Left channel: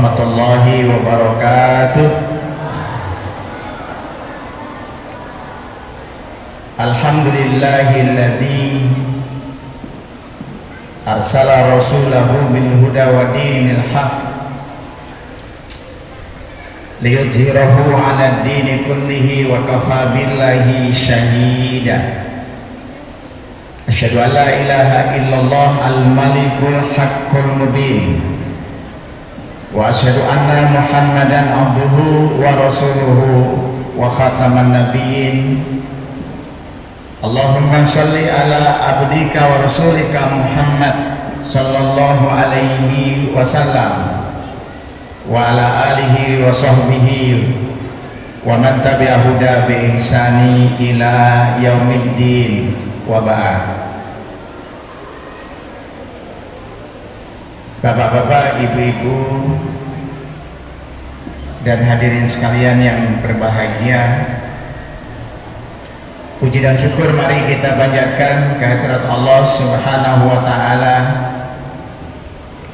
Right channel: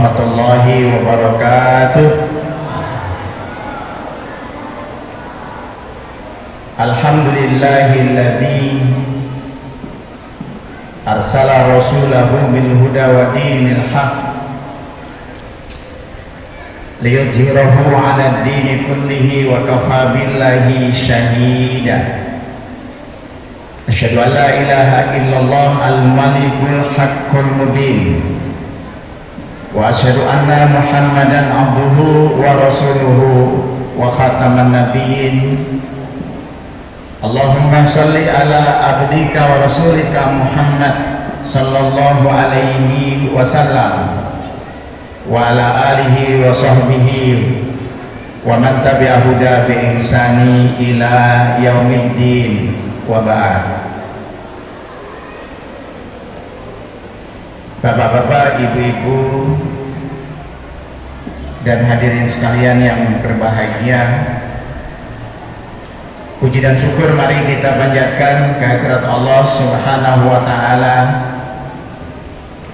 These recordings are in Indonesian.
warahmatullahi wabarakatuh. Alhamdulillahilladzi arsala rasulahu bil huda wa dinil haq liyudhhirahu 'ala ad-dini kullihi wa kafa billahi shahida. Asyhadu an la ilaha illallah al-malikul haqqul mubin wa asyhadu anna Muhammadan abduhu wa rasuluhu wa khataman nabiyyin. Allahumma shalli ala abdika wa rasulika Muhammad sallallahu alaihi wasallam wa ala alihi wa sahbihi wa man tabi'a huda bi ihsani ila yaumiddin wa ba'd. Bapak-bapak, ibu-ibu, dan hadirin sekalian yang berbahagia, puji dan syukur mari kita panjatkan kehadirat Allah Subhanahu wa Ta'ala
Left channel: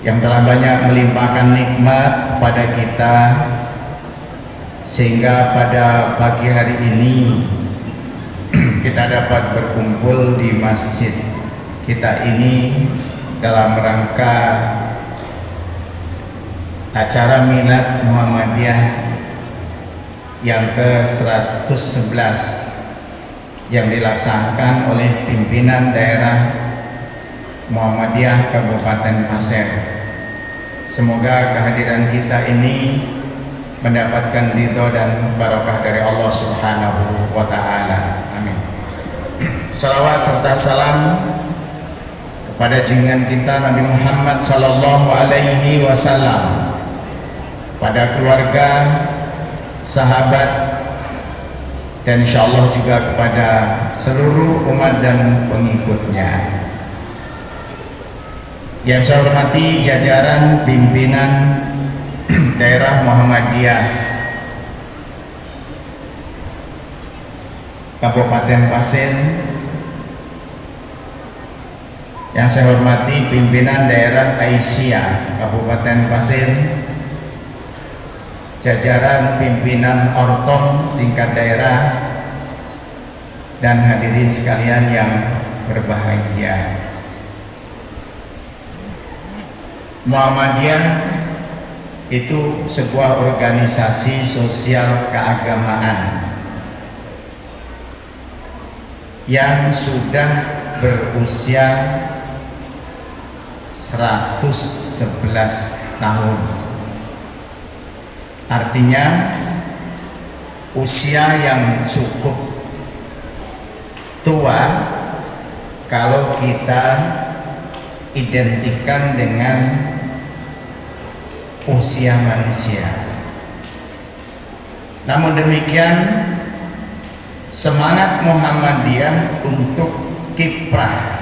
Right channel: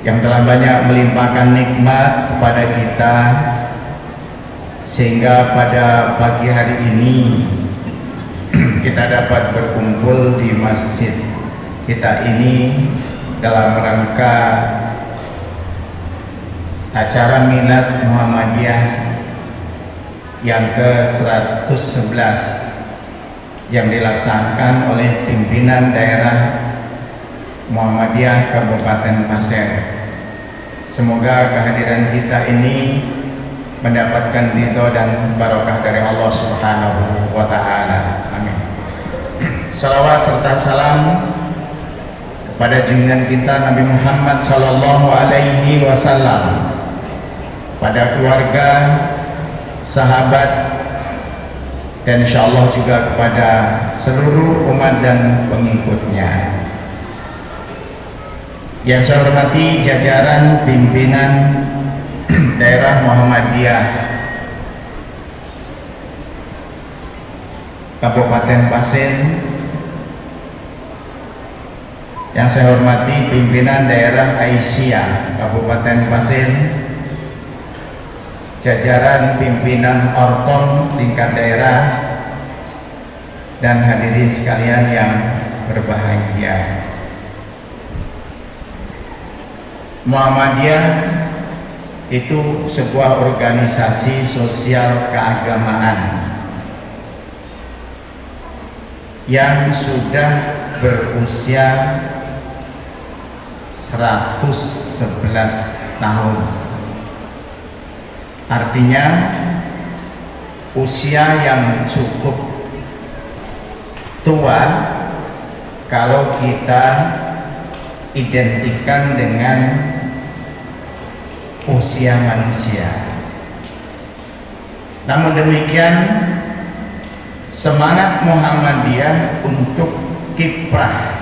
yang telah banyak melimpahkan nikmat kepada kita, sehingga pada pagi hari ini kita dapat berkumpul di masjid kita ini dalam rangka acara Milad Muhammadiyah yang ke-111 yang dilaksanakan oleh pimpinan daerah Muhammadiyah Kabupaten Pasir. Semoga kehadiran kita ini mendapatkan ridho dan barokah dari Allah Subhanahu wa Ta'ala. Amin. Salawat serta salam kepada junjungan kita Nabi Muhammad sallallahu alaihi wasallam, pada keluarga, sahabat, dan insyaallah juga kepada seluruh umat dan pengikutnya. Yang saya hormati jajaran pimpinan daerah Muhammadiyah Kabupaten Pasir, yang saya hormati pimpinan daerah Aisyah Kabupaten Pasir, jajaran pimpinan Ortom tingkat daerah, dan hadirin sekalian yang berbahagia. Muhammadiyah itu sebuah organisasi sosial keagamaan yang sudah berusia 111 tahun. Artinya usia yang cukup tua kalau kita identikan dengan usia manusia. Namun demikian, semangat Muhammadiyah untuk kiprah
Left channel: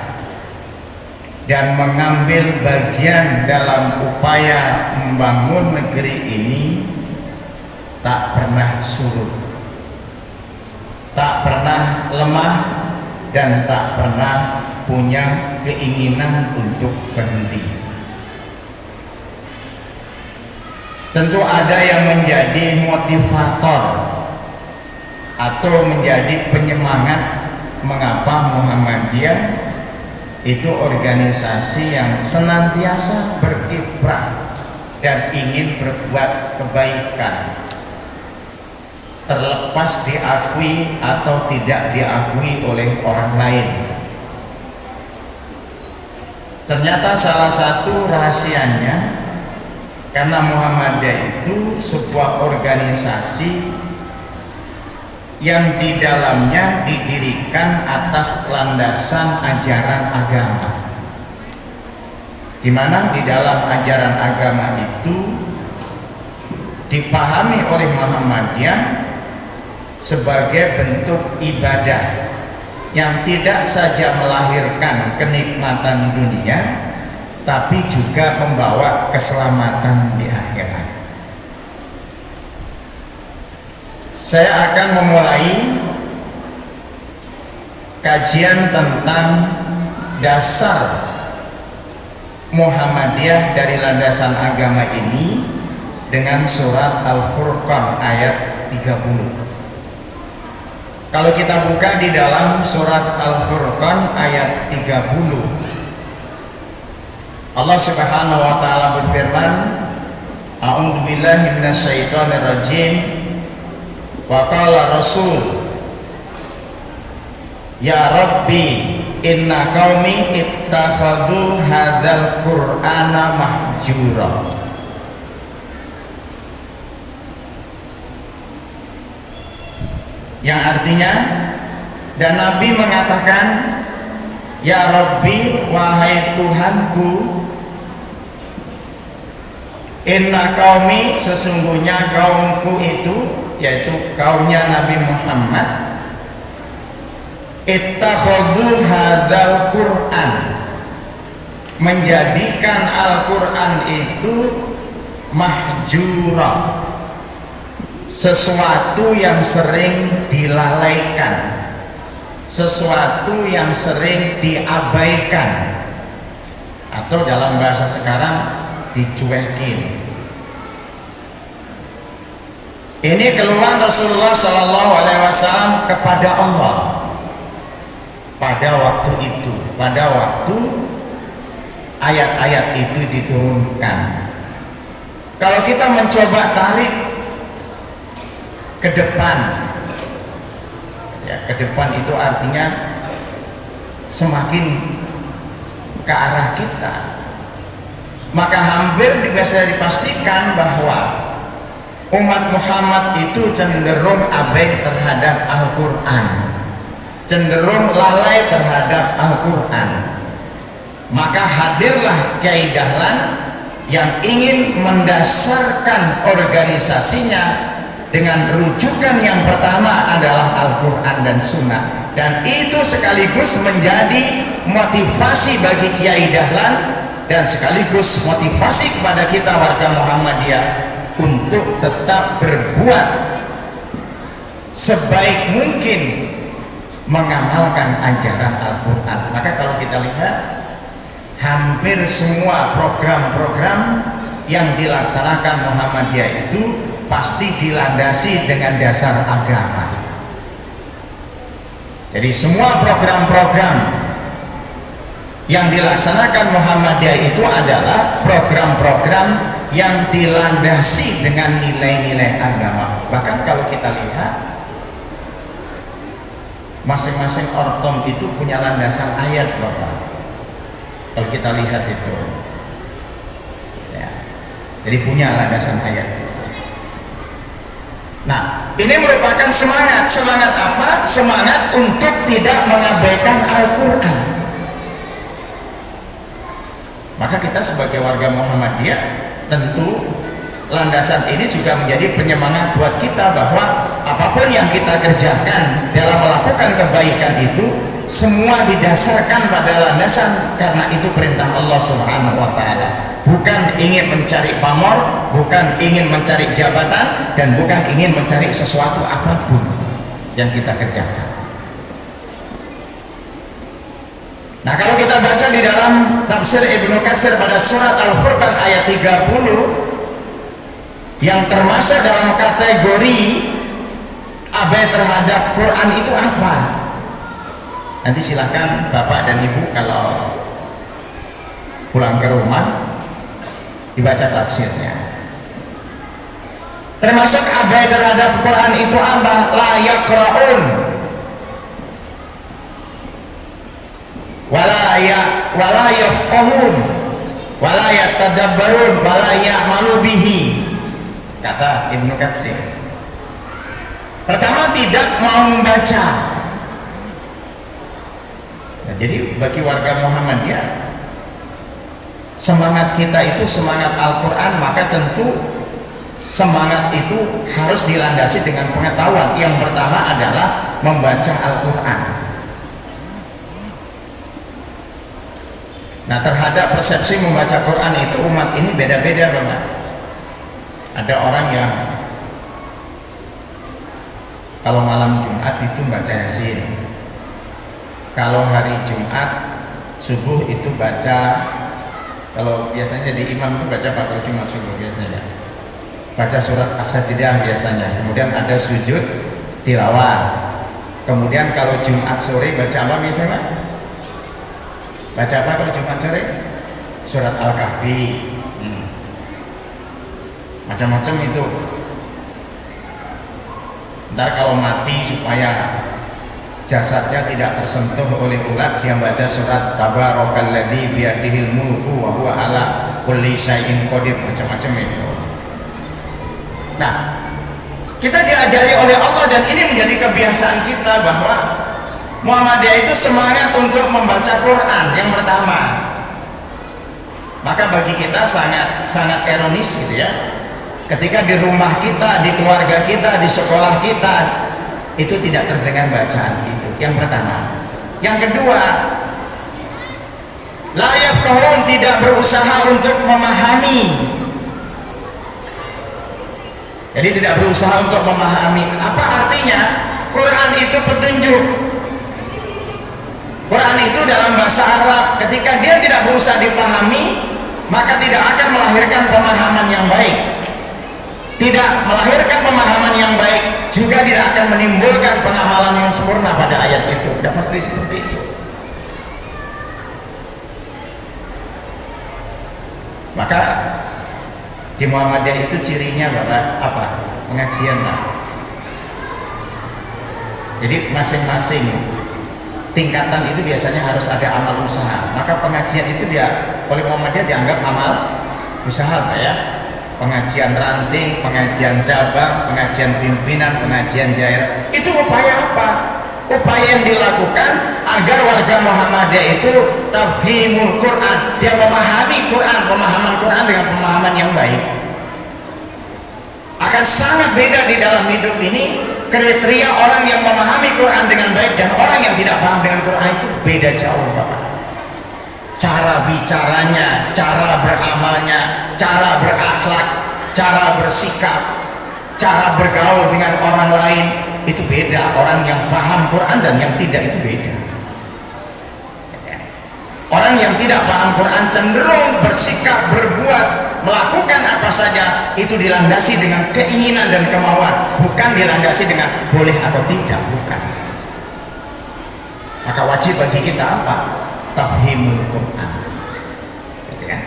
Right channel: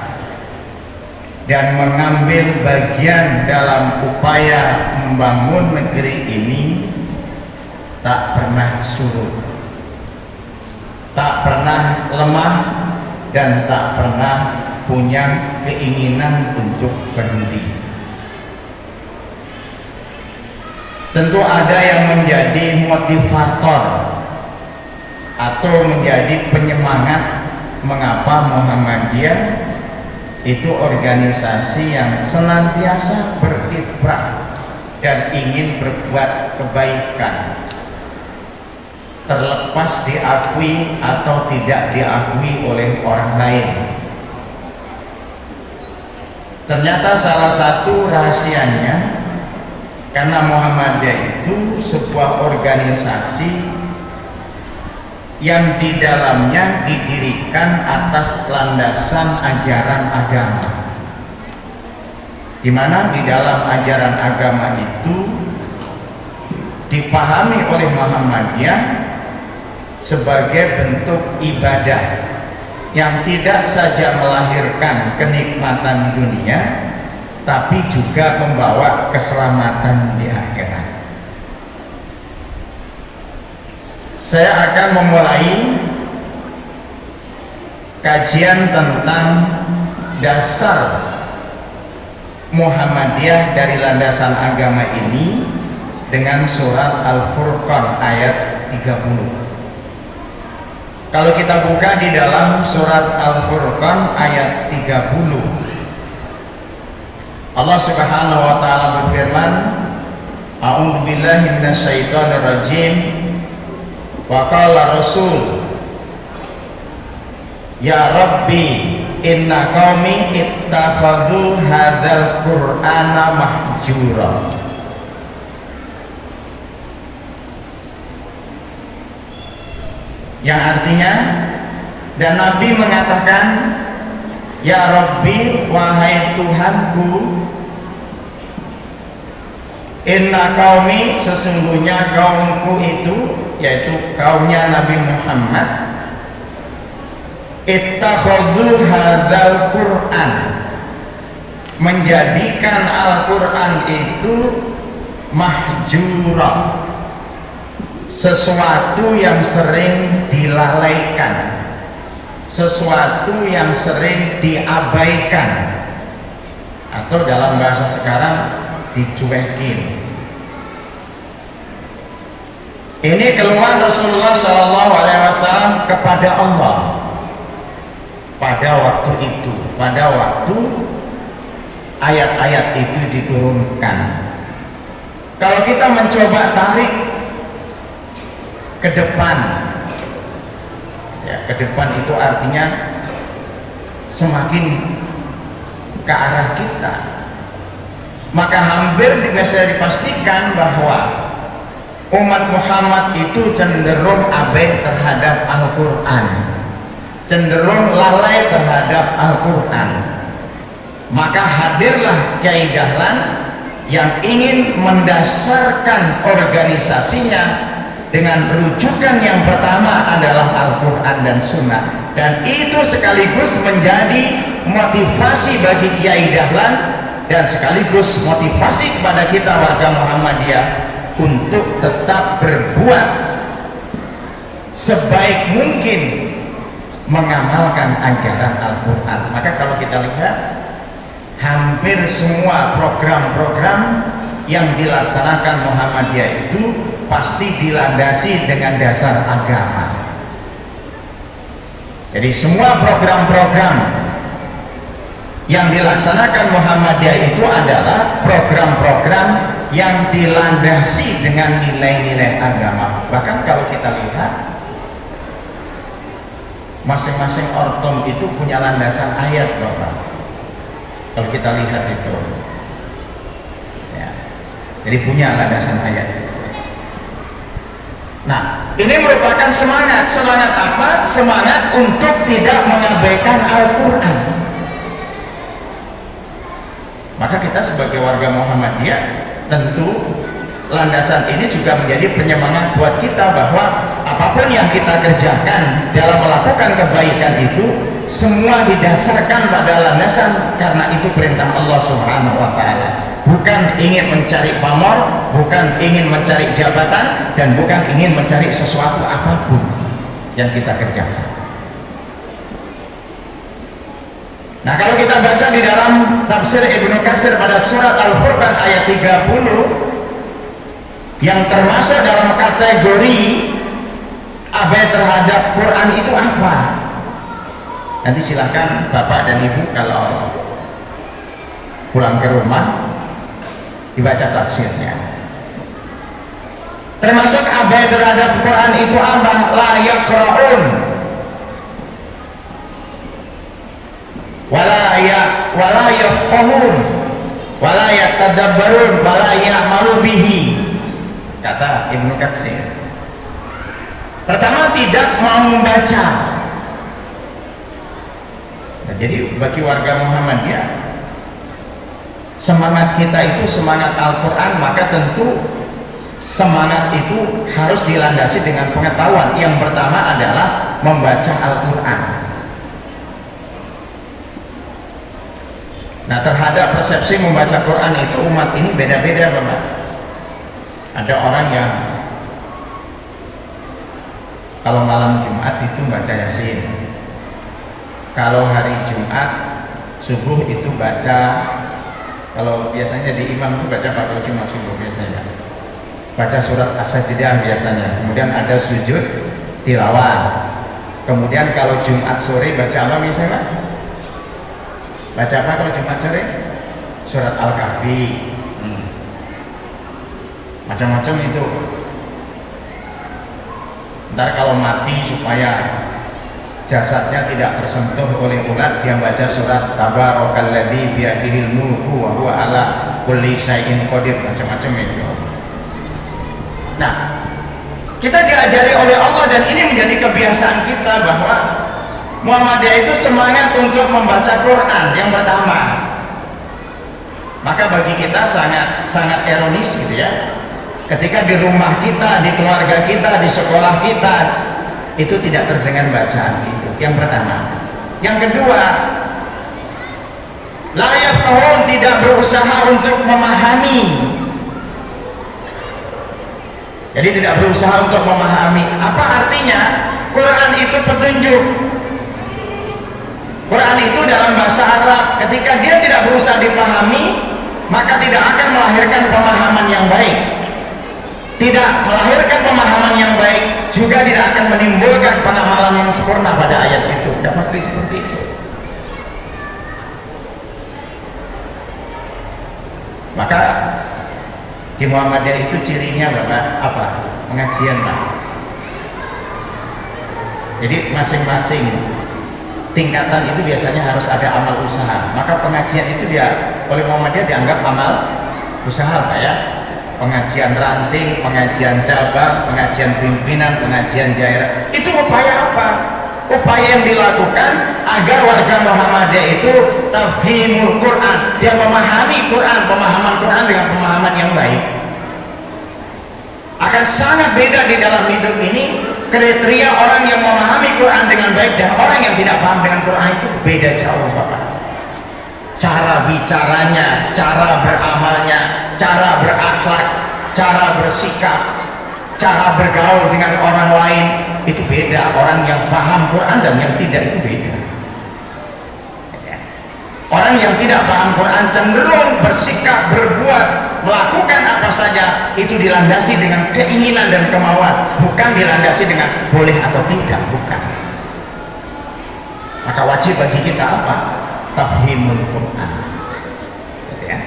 dan mengambil bagian dalam upaya membangun negeri ini tak pernah surut, tak pernah lemah, dan tak pernah punya keinginan untuk berhenti. Tentu ada yang menjadi motivator atau menjadi penyemangat mengapa Muhammadiyah itu organisasi yang senantiasa berkiprah dan ingin berbuat kebaikan, terlepas diakui atau tidak diakui oleh orang lain. Ternyata salah satu rahasianya, karena Muhammadiyah itu sebuah organisasi yang di dalamnya didirikan atas landasan ajaran agama, di mana di dalam ajaran agama itu dipahami oleh Muhammadiyah sebagai bentuk ibadah yang tidak saja melahirkan kenikmatan dunia, tapi juga membawa keselamatan di akhirat. Saya akan memulai kajian tentang dasar Muhammadiyah dari landasan agama ini dengan surat Al-Furqan ayat 30. Kalau kita buka di dalam surat Al-Furqan ayat 30, Allah Subhanahu wa taala berfirman, A'udzu billahi minasyaitonir rajim. Wa qala Rasul, Ya Rabbi, inna qaumi ittakhadhu hadzal Qur'ana mahjura. Yang artinya, dan Nabi mengatakan, Ya Rabbi, wahai Tuhanku, inna qaumi, sesungguhnya kaumku itu, yaitu kaumnya Nabi Muhammad, ittakhadhu hadzal Qur'an, menjadikan Al-Qur'an itu mahjura, sesuatu yang sering dilalaikan, sesuatu yang sering diabaikan, atau dalam bahasa sekarang dicuekin. Ini keluhan Rasulullah SAW kepada Allah pada waktu itu, pada waktu ayat-ayat itu diturunkan. Kalau kita mencoba tarik ke depan, ya, ke depan itu artinya semakin ke arah kita, maka hampir bisa dipastikan bahwa umat Muhammad itu cenderung abai terhadap Al-Quran, cenderung lalai terhadap Al-Quran. Maka hadirlah Kiai Dahlan yang ingin mendasarkan organisasinya dengan rujukan yang pertama adalah Al-Quran dan Sunnah, dan itu sekaligus menjadi motivasi bagi Kiai Dahlan dan sekaligus motivasi kepada kita warga Muhammadiyah untuk tetap berbuat sebaik mungkin mengamalkan ajaran Al-Quran. Maka kalau kita lihat, hampir semua program-program yang dilaksanakan Muhammadiyah itu pasti dilandasi dengan dasar agama. Jadi semua program-program yang dilaksanakan Muhammadiyah itu adalah program-program yang dilandasi dengan nilai-nilai agama. Bahkan kalau kita lihat, masing-masing ortom itu punya landasan ayat, Bapak. Kalau kita lihat itu, ya, jadi punya landasan ayat. Nah, ini merupakan semangat. Semangat apa? Semangat untuk tidak mengabaikan Al-Quran. Maka kita sebagai warga Muhammadiyah, tentu landasan ini juga menjadi penyemangat buat kita bahwa apapun yang kita kerjakan dalam melakukan kebaikan itu semua didasarkan pada landasan karena itu perintah Allah Subhanahu wa taala. Bukan ingin mencari pamor, bukan ingin mencari jabatan, dan bukan ingin mencari sesuatu apapun yang kita kerjakan. Nah, kalau kita baca di dalam tafsir Ibnu Katsir pada surat Al-Furqan ayat 30, yang termasuk dalam kategori abai terhadap Quran itu apa? Nanti silakan Bapak dan Ibu kalau pulang ke rumah dibaca tafsirnya. Termasuk abai terhadap Quran itu apa? La yaqra'un wala yafqahun wala yatadabbarun wala ya'malu bihi, kata Ibnu Katsir. Pertama, tidak mau membaca. Nah, jadi bagi warga Muhammadiyah, semangat kita itu semangat Al-Quran, maka tentu semangat itu harus dilandasi dengan pengetahuan. Yang pertama adalah membaca Al-Quran. Nah, terhadap persepsi membaca Quran itu umat ini beda-beda, Bapak. Ada orang yang kalau malam Jumat itu baca Yasin, kalau hari Jumat subuh itu baca, kalau biasanya di imam itu baca Baqarah Jumat subuh biasanya. baca surat As-Sajdah biasanya, kemudian ada sujud tilawah, kemudian kalau Jumat sore baca apa biasanya? Baca apa kalau Jumat sore? Surat Al-Kahfi. Macam-macam itu. Ntar kalau mati supaya jasadnya tidak tersentuh oleh ulat, dia baca surat Tabarakalladzi biyadihil mulku wa huwa ala kulli syai'in qadir, macam-macam itu. Nah, kita diajari oleh Allah dan ini menjadi kebiasaan kita bahwa Muhammadiyah itu semangat untuk membaca Quran yang pertama. Maka bagi kita sangat ironis gitu ya, ketika di rumah kita, di keluarga kita, di sekolah kita itu tidak terdengar bacaan itu. Yang pertama. Yang kedua, la yafqahun, tidak berusaha untuk memahami. Jadi tidak berusaha untuk memahami. Apa artinya? Quran itu petunjuk. Quran itu dalam bahasa Arab, ketika dia tidak berusaha dipahami, maka tidak akan melahirkan pemahaman yang baik. Tidak melahirkan pemahaman yang baik, juga tidak akan menimbulkan pengamalan yang sempurna pada ayat itu. Tidak pasti seperti itu. Maka di Muhammadiyah itu cirinya Bapak apa? Pengajian Pak. Jadi masing-masing tingkatan itu biasanya harus ada amal usaha. Maka pengajian itu dia oleh Muhammadiyah dianggap amal usaha Pak ya. Pengajian ranting, pengajian cabang, pengajian pimpinan, pengajian daerah, itu upaya apa? Upaya yang dilakukan agar warga Muhammadiyah itu tafhimul Quran, dia memahami Quran, pemahaman Quran dengan pemahaman yang baik. Akan sangat beda di dalam hidup ini kriteria orang yang memahami Quran dengan baik dan orang yang tidak paham dengan Quran itu beda jauh Bapak. Cara bicaranya, cara beramalnya, cara berakhlak, cara bersikap, cara bergaul dengan orang lain itu beda. Orang yang paham Quran dan yang tidak itu beda. Orang yang tidak paham Quran cenderung bersikap, berbuat, melakukan apa saja itu dilandasi dengan keinginan dan kemauan, bukan dilandasi dengan boleh atau tidak, bukan. Maka wajib bagi kita apa? Tafhimul Quran, gitu ya?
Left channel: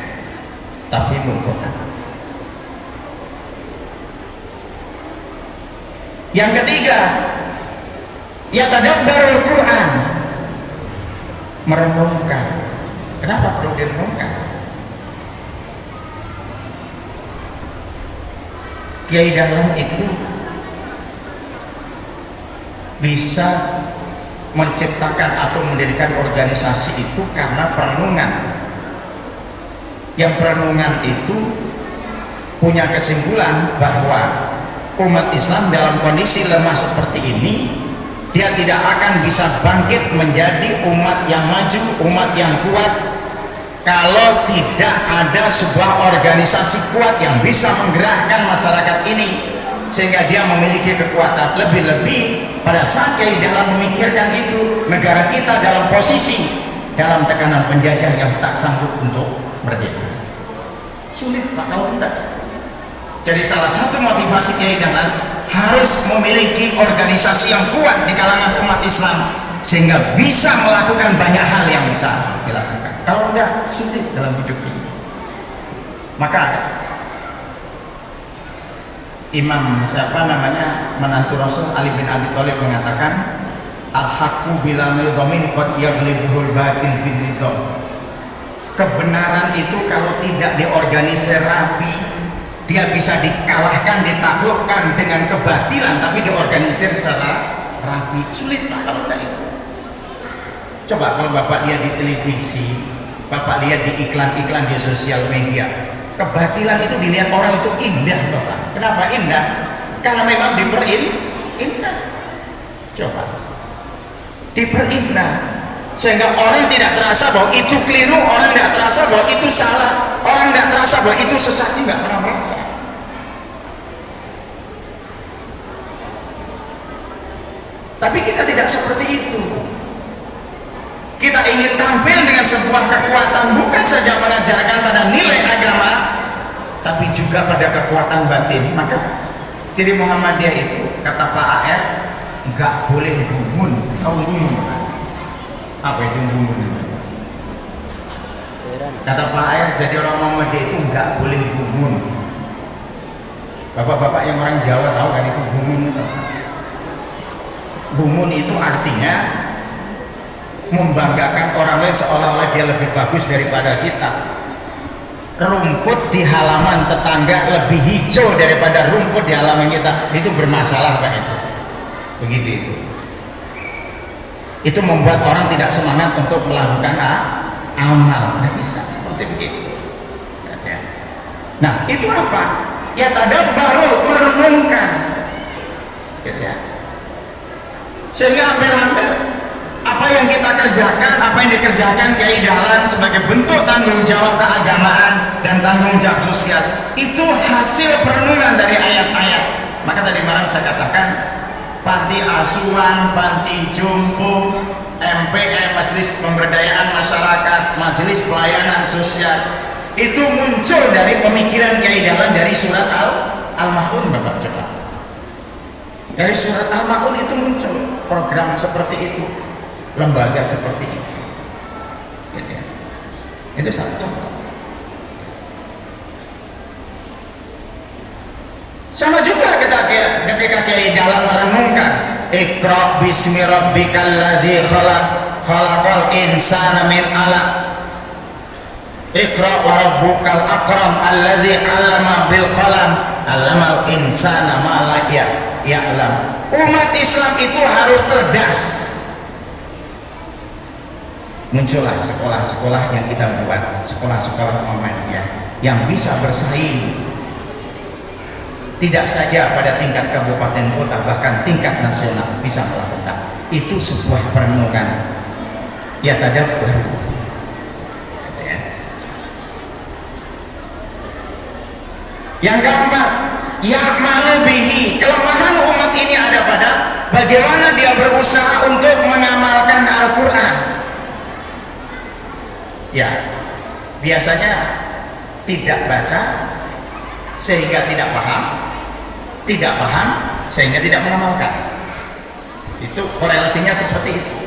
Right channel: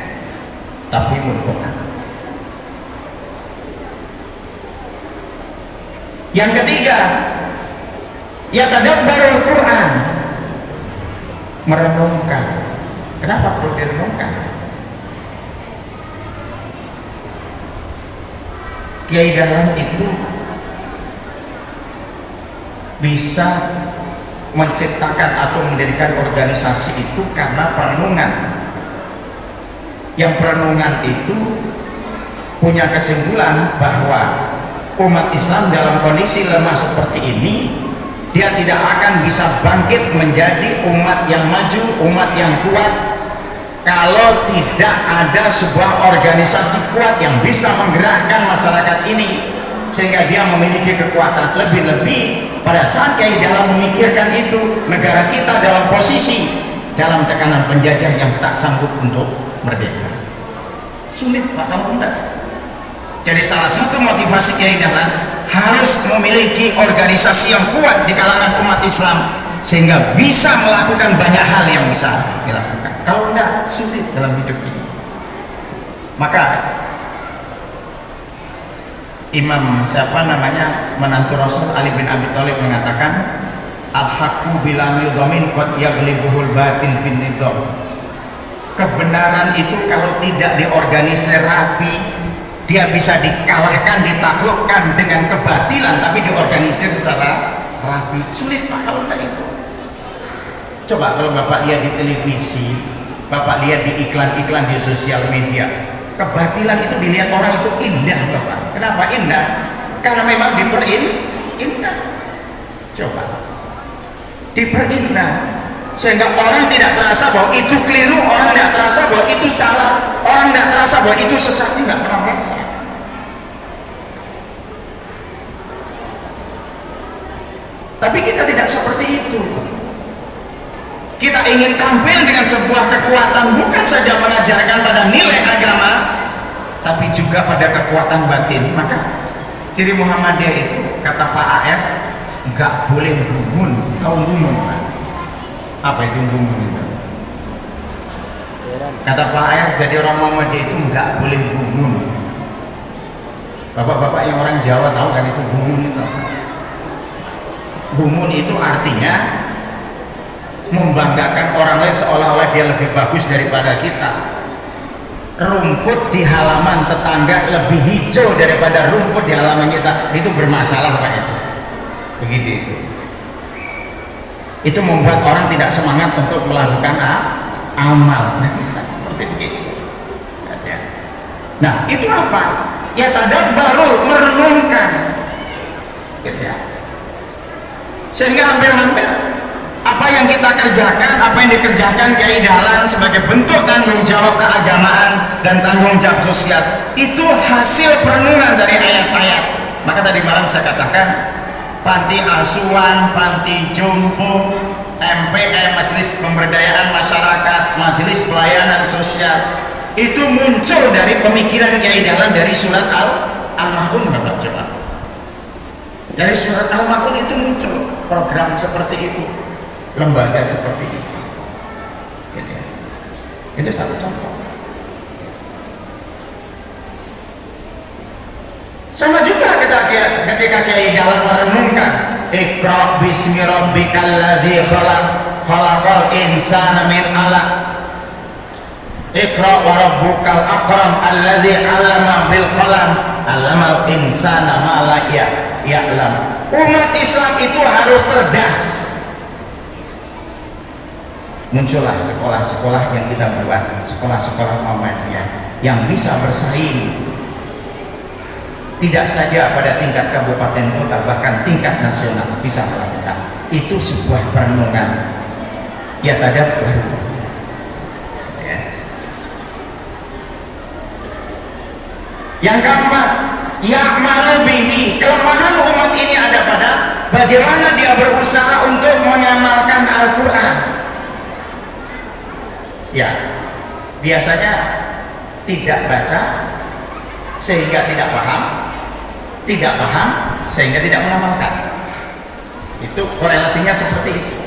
Tafhimul Quran. Yang ketiga, ya tadabbarul Quran, merenungkan. Kenapa perlu direnungkan? Kiai Dahlan itu bisa menciptakan atau mendirikan organisasi itu karena perenungan. Yang perenungan itu punya kesimpulan bahwa umat Islam dalam kondisi lemah seperti ini, dia tidak akan bisa bangkit menjadi umat yang maju, umat yang kuat kalau tidak ada sebuah organisasi kuat yang bisa menggerakkan masyarakat ini sehingga dia memiliki kekuatan. Lebih-lebih pada saat Kiai Dahlan memikirkan itu, negara kita dalam posisi dalam tekanan penjajah yang tak sanggup untuk merdeka. Sulit Pak kalau enggak. Jadi salah satu motivasi Kiai Dahlan harus memiliki organisasi yang kuat di kalangan umat Islam sehingga bisa melakukan banyak hal yang bisa dilakukan. Kalau enggak, sulit dalam hidup ini. Maka Imam siapa namanya menantu Rasul Ali bin Abi Thalib mengatakan, al-haqqu bila nidhamin qad yaghlibuhul batil bin nidham. Kebenaran itu kalau tidak diorganisir rapi, dia bisa dikalahkan, ditaklukkan dengan kebatilan, tapi diorganisir secara rapi. Sulit Pak kalau enggak itu. Coba kalau Bapak lihat di televisi, Bapak lihat di iklan-iklan di sosial media, kebatilan itu dilihat orang itu indah Bapak. Kenapa indah? Karena memang diperindah. Coba diperindah sehingga orang tidak terasa bahwa itu keliru, orang tidak terasa bahwa itu salah, orang tidak terasa bahwa itu sesat, tidak pernah merasa. Tapi kita tidak seperti itu. Kita ingin tampil dengan sebuah kekuatan, bukan saja mengajarkan pada nilai agama, tapi juga pada kekuatan batin. Maka ciri Muhammadiyah itu, kata Pak AR, nggak boleh gumun. Tahu gumun? Apa itu gumun? Kata Pak AR, jadi orang Muhammadiyah itu nggak boleh gumun. Bapak-bapak yang orang Jawa tahu kan itu gumun? Gumun itu artinya membanggakan orang lain seolah-olah dia lebih bagus daripada kita. Rumput di halaman tetangga lebih hijau daripada rumput di halaman kita, itu bermasalah Pak. Itu begitu itu. Itu membuat orang tidak semangat untuk melakukan amal. Nah, bisa seperti begitu. Nah, itu apa? Ya tadabbarul, merenungkan, gitu ya. Sehingga hampir-hampir apa yang kita kerjakan, apa yang dikerjakan Kiai Dahlan sebagai bentuk tanggung jawab keagamaan dan tanggung jawab sosial, itu hasil perenungan dari ayat-ayat. Maka tadi malam saya katakan, panti asuhan, panti jompo, MPM, Majelis Pemberdayaan Masyarakat, Majelis Pelayanan Sosial, itu muncul dari pemikiran Kiai Dahlan dari surat Al-Ma'un. Bapak coba, dari surat Al-Ma'un itu muncul program seperti itu, lembaga seperti itu. Itu satu contoh. Sama juga ketika Kiai Dahlan merenungkan Iqra bismi rabbikal ladzi khalaq, khalaqal insana min 'alaq. Iqra wa rabbukal akram alladzi 'allama bil qalam, 'allamal insana ma la ya'lam. Umat Islam itu harus cerdas. Muncullah sekolah-sekolah yang kita buat, sekolah-sekolah Muhammadiyah yang bisa bersaing tidak saja pada tingkat kabupaten kota, bahkan tingkat nasional bisa melakukan. Itu sebuah perenungan. Ya tadabbar. Ya. Yang keempat, ya'malu bihi. Kelemahan umat ini ada pada bagaimana dia berusaha untuk mengamalkan Al-Quran. Ya, biasanya tidak baca sehingga tidak paham, tidak paham sehingga tidak mengamalkan. Itu korelasinya seperti itu.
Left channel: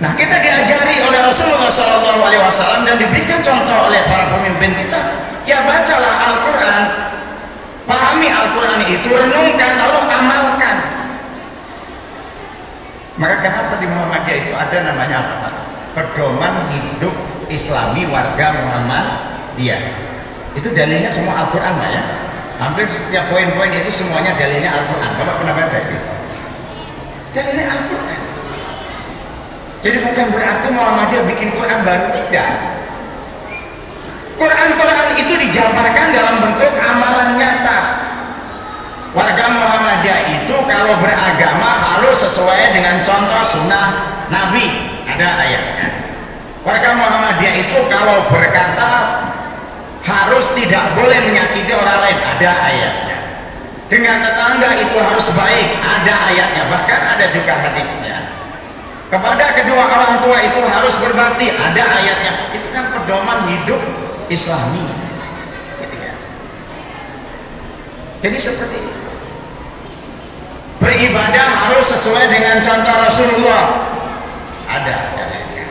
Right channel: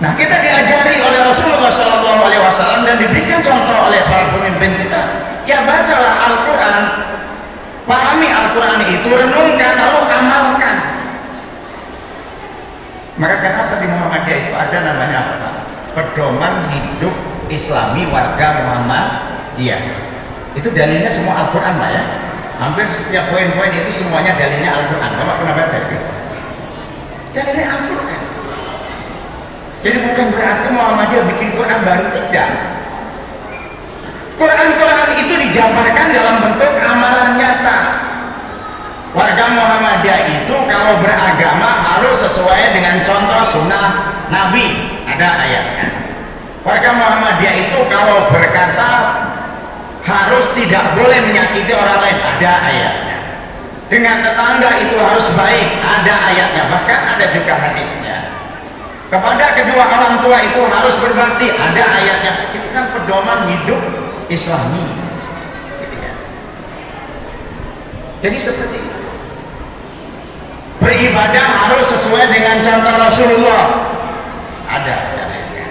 Nah, kita diajari oleh Rasulullah SAW dan diberikan contoh oleh para pemimpin kita. Ya, bacalah Al-Quran, pahami Al-Quran itu, renungkan lalu amalkan. Maka kenapa di Muhammadiyah itu ada namanya apa? Pedoman hidup Islami warga Muhammadiyah. Itu dalilnya semua Al-Quran Pak ya. Hampir setiap poin-poin itu semuanya dalilnya Al-Quran. Bapak pernah baca itu? Dalilnya Al-Quran. Jadi bukan berarti Muhammadiyah bikin Quran baru, tidak. Quran-Quran itu dijabarkan dalam bentuk amalan nyata. Warga Muhammadiyah itu kalau beragama harus sesuai dengan contoh sunnah Nabi. Ada ayatnya. Warga Muhammadiyah itu kalau berkata harus tidak boleh menyakiti orang lain, ada ayatnya. Dengan tetangga itu harus baik, ada ayatnya. Bahkan ada juga hadisnya. Kepada kedua orang tua itu harus berbakti, ada ayatnya. Itu kan pedoman hidup Islami. Jadi seperti itu. Beribadah harus sesuai dengan contoh Rasulullah. Ada dalilnya.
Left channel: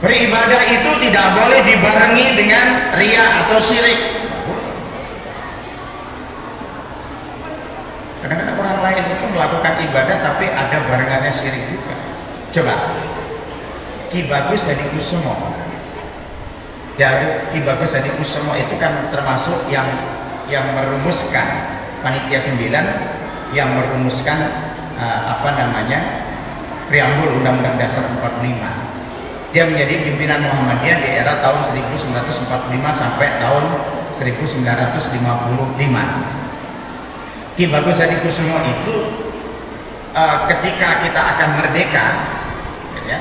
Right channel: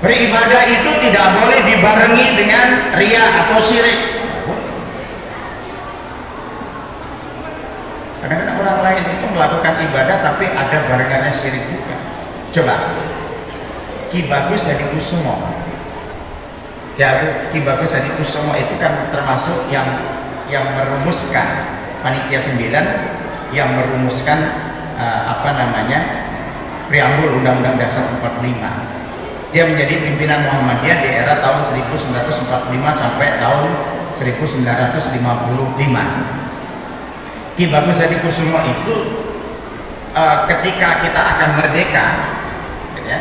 Beribadah itu tidak boleh dibarengi dengan riya atau syirik. Kadang-kadang orang lain itu melakukan ibadah tapi ada barengannya syirik juga. Coba Ki Bagus Hadikusumo. Ki Bagus Hadikusumo itu kan termasuk yang merumuskan panitia 9 yang merumuskan preambul Undang-Undang Dasar 45. Dia menjadi pimpinan Muhammadiyah di era tahun 1945 sampai tahun 1955. Ki Bagus Hadikusumo itu ketika kita akan merdeka, ya,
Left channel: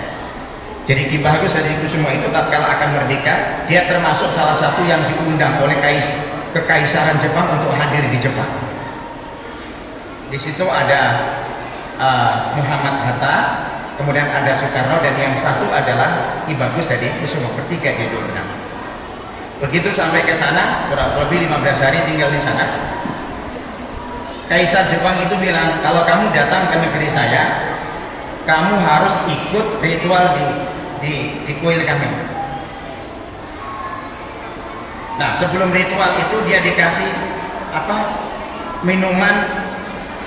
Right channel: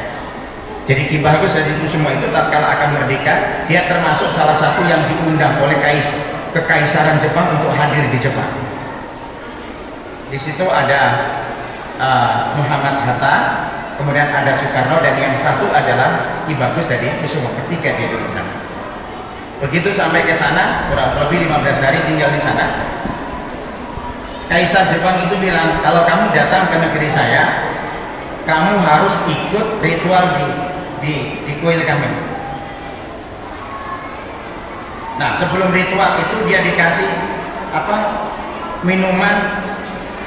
jadi Ki Bagus Hadikusumo itu tatkala akan merdeka, dia termasuk salah satu yang diundang oleh Kekaisaran Jepang untuk hadir di Jepang. Di situ ada Muhammad Hatta, kemudian ada Soekarno, dan yang satu adalah Ki Bagus Hadikusumo. Bertiga dia diundang. Begitu sampai ke sana, kurang lebih 15 hari tinggal di sana, Kaisar Jepang itu bilang, kalau kamu datang ke negeri saya, kamu harus ikut ritual di kuil kami. Nah, sebelum ritual itu dia dikasih minuman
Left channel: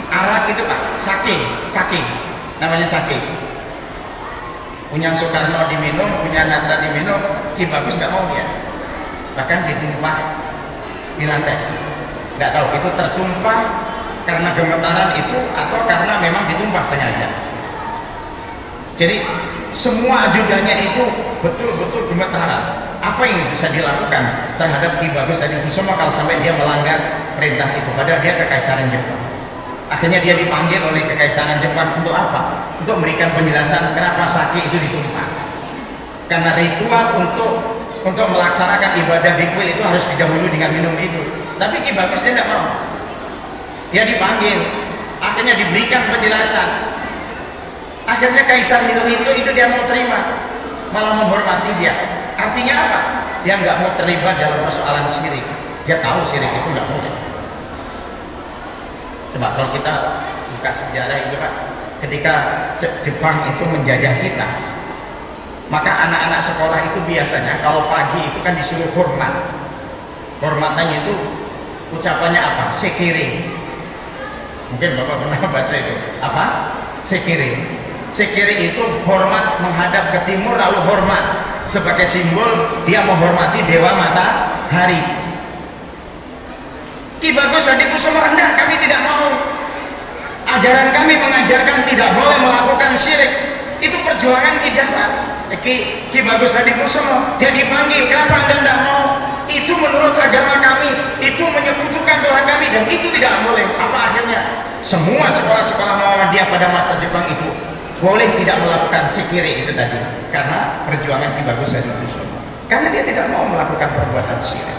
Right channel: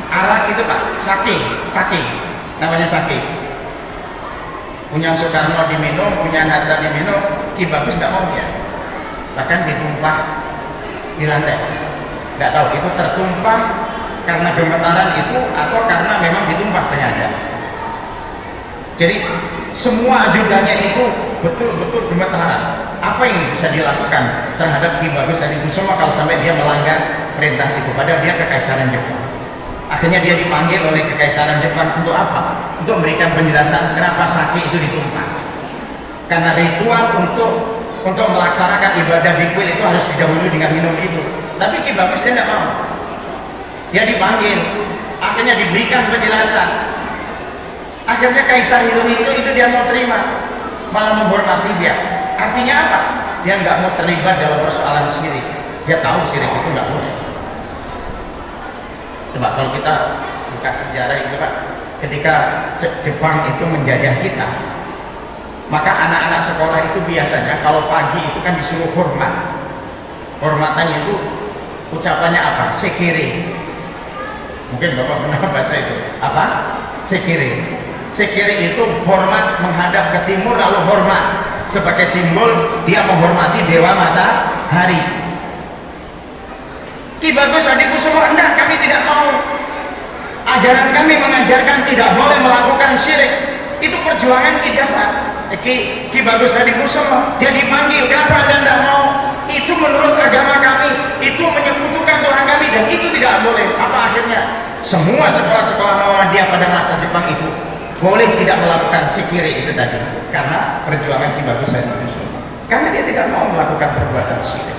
arak itu Pak, sake, namanya sake. Punya Soekarno diminum, punya Hatta diminum, Ki Bagus nggak mau ya. Bahkan ditumpah di lantai. Nggak tahu itu tertumpah karena gemetaran itu atau karena memang ditumpah sengaja. Jadi semua ajudannya itu betul-betul gemetaran. Apa yang bisa dilakukan terhadap Ki Bagus Hadikusumo kalau sampai dia melanggar perintah itu? Padahal dia kekaisaran Jepang. Akhirnya dia dipanggil oleh kekaisaran Jepang untuk apa? Untuk memberikan penjelasan kenapa sake itu ditumpah. Karena ritual untuk melaksanakan ibadah di kuil itu harus didahului dengan minum itu. Tapi Ki Bagus dia tidak mau. Dia dipanggil, akhirnya diberikan penjelasan. Akhirnya Kaisar Hirohito itu dia mau terima, malah menghormati dia. Artinya apa? Dia nggak mau terlibat dalam persoalan syirik. Dia tahu syirik itu nggak boleh. Coba kalau kita buka sejarah itu Pak, ketika Jepang itu menjajah kita, maka anak-anak sekolah itu biasanya kalau pagi itu kan disuruh hormat. Hormatannya itu ucapannya apa? Sekiri. Mungkin Bapak pernah baca itu. Apa? Sekiri. Sekiri itu hormat menghadap ke timur lalu hormat sebagai simbol dia menghormati dewa matahari. Ki Bagus Hadikusumo enggak, kami tidak mau. Ajaran kami mengajarkan tidak boleh melakukan syirik. Itu perjuangan kita. Ki Bagus Hadikusumo dia dipanggil, kenapa Anda tidak mau? Itu menurut agama kami, itu menyekutukan Tuhan kami dan itu tidak boleh. Apa akhirnya? Semua sekolah-sekolah Muhammadiyah pada masa Jepang itu boleh tidak melakukan sikiri itu tadi karena perjuangan Ki Bagus Hadikusumo. Karena dia tidak mau melakukan perbuatan syirik.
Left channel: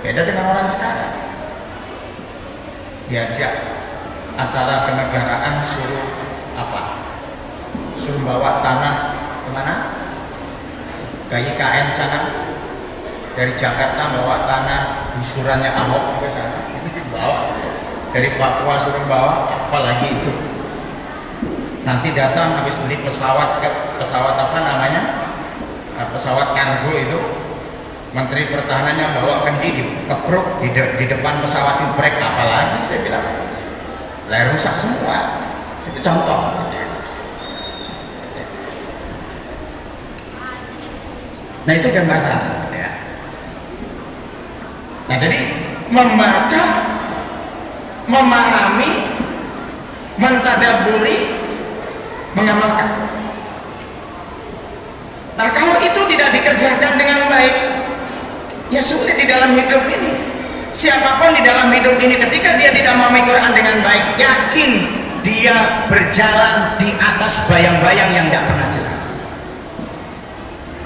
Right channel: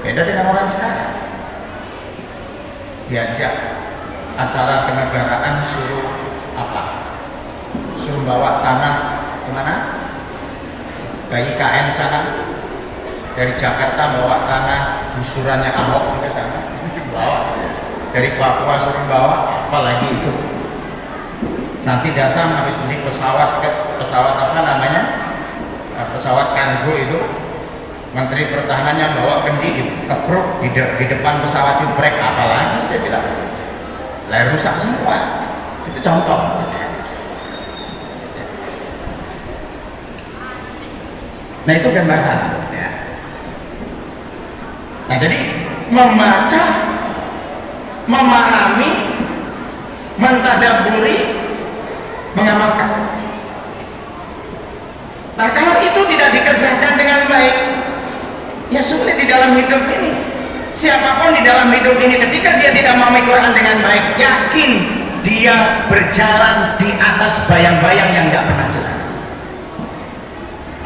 Beda dengan orang sekarang. Diajak acara kenegaraan suruh apa? Suruh bawa tanah kemana? Ke IKN sana. Dari Jakarta bawa tanah gusurannya Ahok ke sana. Bawa. Dari Papua suruh bawa, apalagi itu. Nanti datang habis beli pesawat apa namanya? Pesawat kargo itu. Menteri Pertahanannya bawa kendi dikepruk di depan pesawat itu brek, apalagi saya bilang lahir rusak semua. Itu contoh. Nah itu gambaran. Nah jadi membaca, memahami, mentadaburi, mengamalkan. Nah kalau itu tidak dikerjakan dengan baik, ya sulit di dalam hidup ini. Siapapun di dalam hidup ini ketika dia tidak memahami Quran dengan baik, yakin dia berjalan di atas bayang-bayang yang tidak pernah jelas.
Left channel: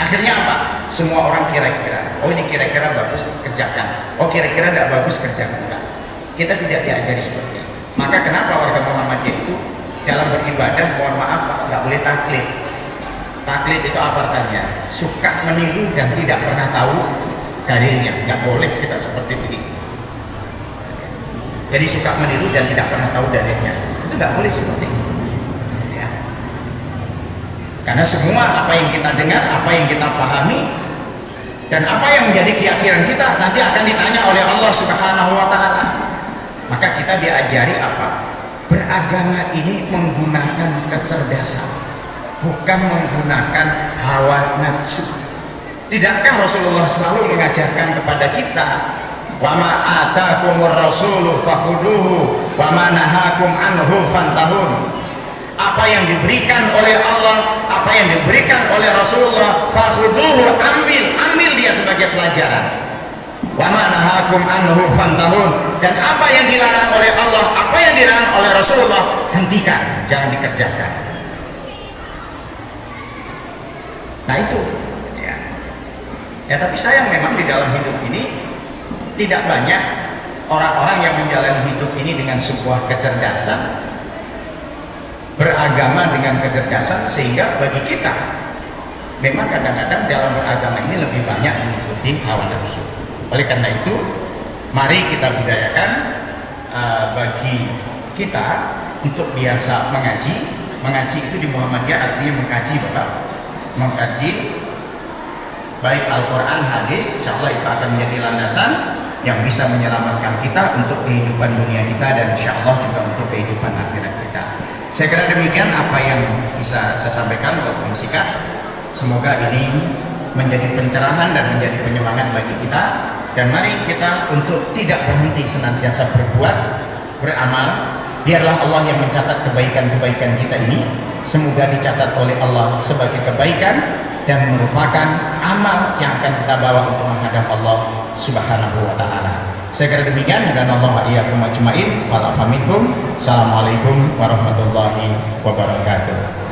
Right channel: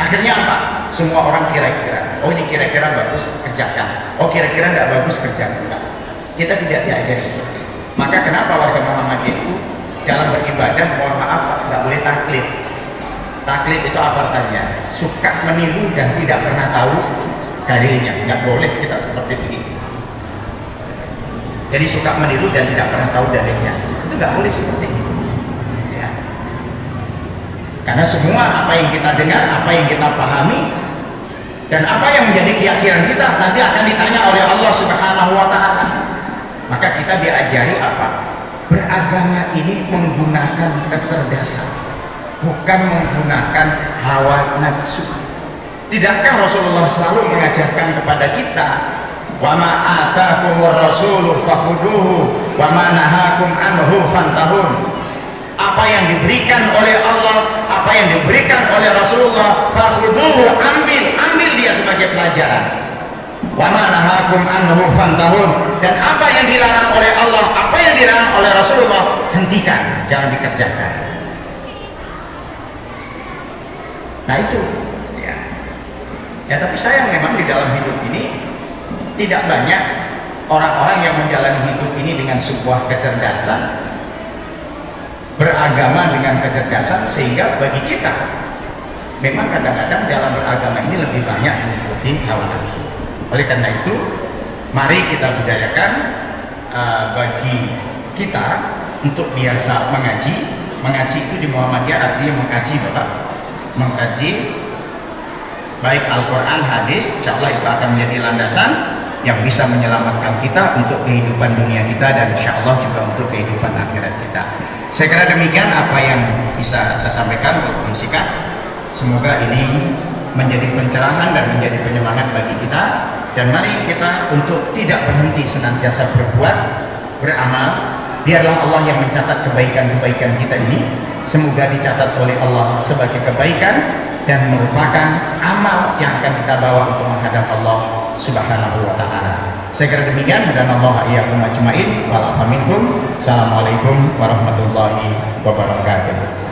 Akhirnya apa? Semua orang kira-kira, oh ini kira-kira bagus, kerjakan. Oh kira-kira tidak bagus, kerjakan. Enggak. Kita tidak diajari seperti itu. Maka kenapa warga Muhammadiyah itu dalam beribadah, mohon maaf, nggak boleh taklid. Taklid itu apa artinya? Suka meniru dan tidak pernah tahu dalilnya. Nggak boleh kita seperti begitu. Jadi suka meniru dan tidak pernah tahu dalilnya, itu nggak boleh seperti itu. Ya. Karena semua apa yang kita dengar, apa yang kita pahami, dan apa yang menjadi keyakinan kita nanti akan ditanya oleh Allah Subhanahu wa Ta'ala. Maka kita diajari apa? Beragama ini menggunakan kecerdasan, bukan menggunakan hawa nafsu. Tidakkah Rasulullah selalu mengajarkan kepada kita, wa ma atakumur rasulu fakhuduhu wa ma nahakum anhu fantahun. Apa yang diberikan oleh Allah, apa yang diberikan oleh Rasulullah, fakhuduhu, ambil dia sebagai pelajaran. Wa ma nahakum anhu fantahun. Dan apa yang dilarang oleh Allah, apa yang dilarang oleh Rasulullah, hentikan, jangan dikerjakan. Nah itu ya, tapi sayang memang di dalam hidup ini tidak banyak orang-orang yang menjalani hidup ini dengan sebuah kecerdasan, beragama dengan kecerdasan, sehingga bagi kita memang kadang-kadang dalam beragama ini lebih lebih banyak mengikuti hawa nafsu. Oleh karena itu, mari kita budayakan bagi kita untuk biasa mengaji. Mengaji itu di Muhammadiyah artinya mengkaji, Bapak. Mengkaji baik Al-Quran, hadis, insya Allah itu akan menjadi landasan yang bisa menyelamatkan kita untuk kehidupan dunia kita dan insya Allah juga untuk kehidupan akhirat kita. Saya kira demikian apa yang bisa saya sampaikan walaupun singkat. Semoga ini menjadi pencerahan dan menjadi penyemangat bagi kita, dan mari kita untuk tidak berhenti senantiasa berbuat, beramal. Biarlah Allah yang mencatat kebaikan-kebaikan kita ini, semoga dicatat oleh Allah sebagai kebaikan dan merupakan amal yang akan kita bawa untuk menghadap Allah Subhanahu wa ta'ala. Saya kira demikian. Hadanallahu iyyakum ajmain. Wal afa minkum. Assalamualaikum warahmatullahi wabarakatuh.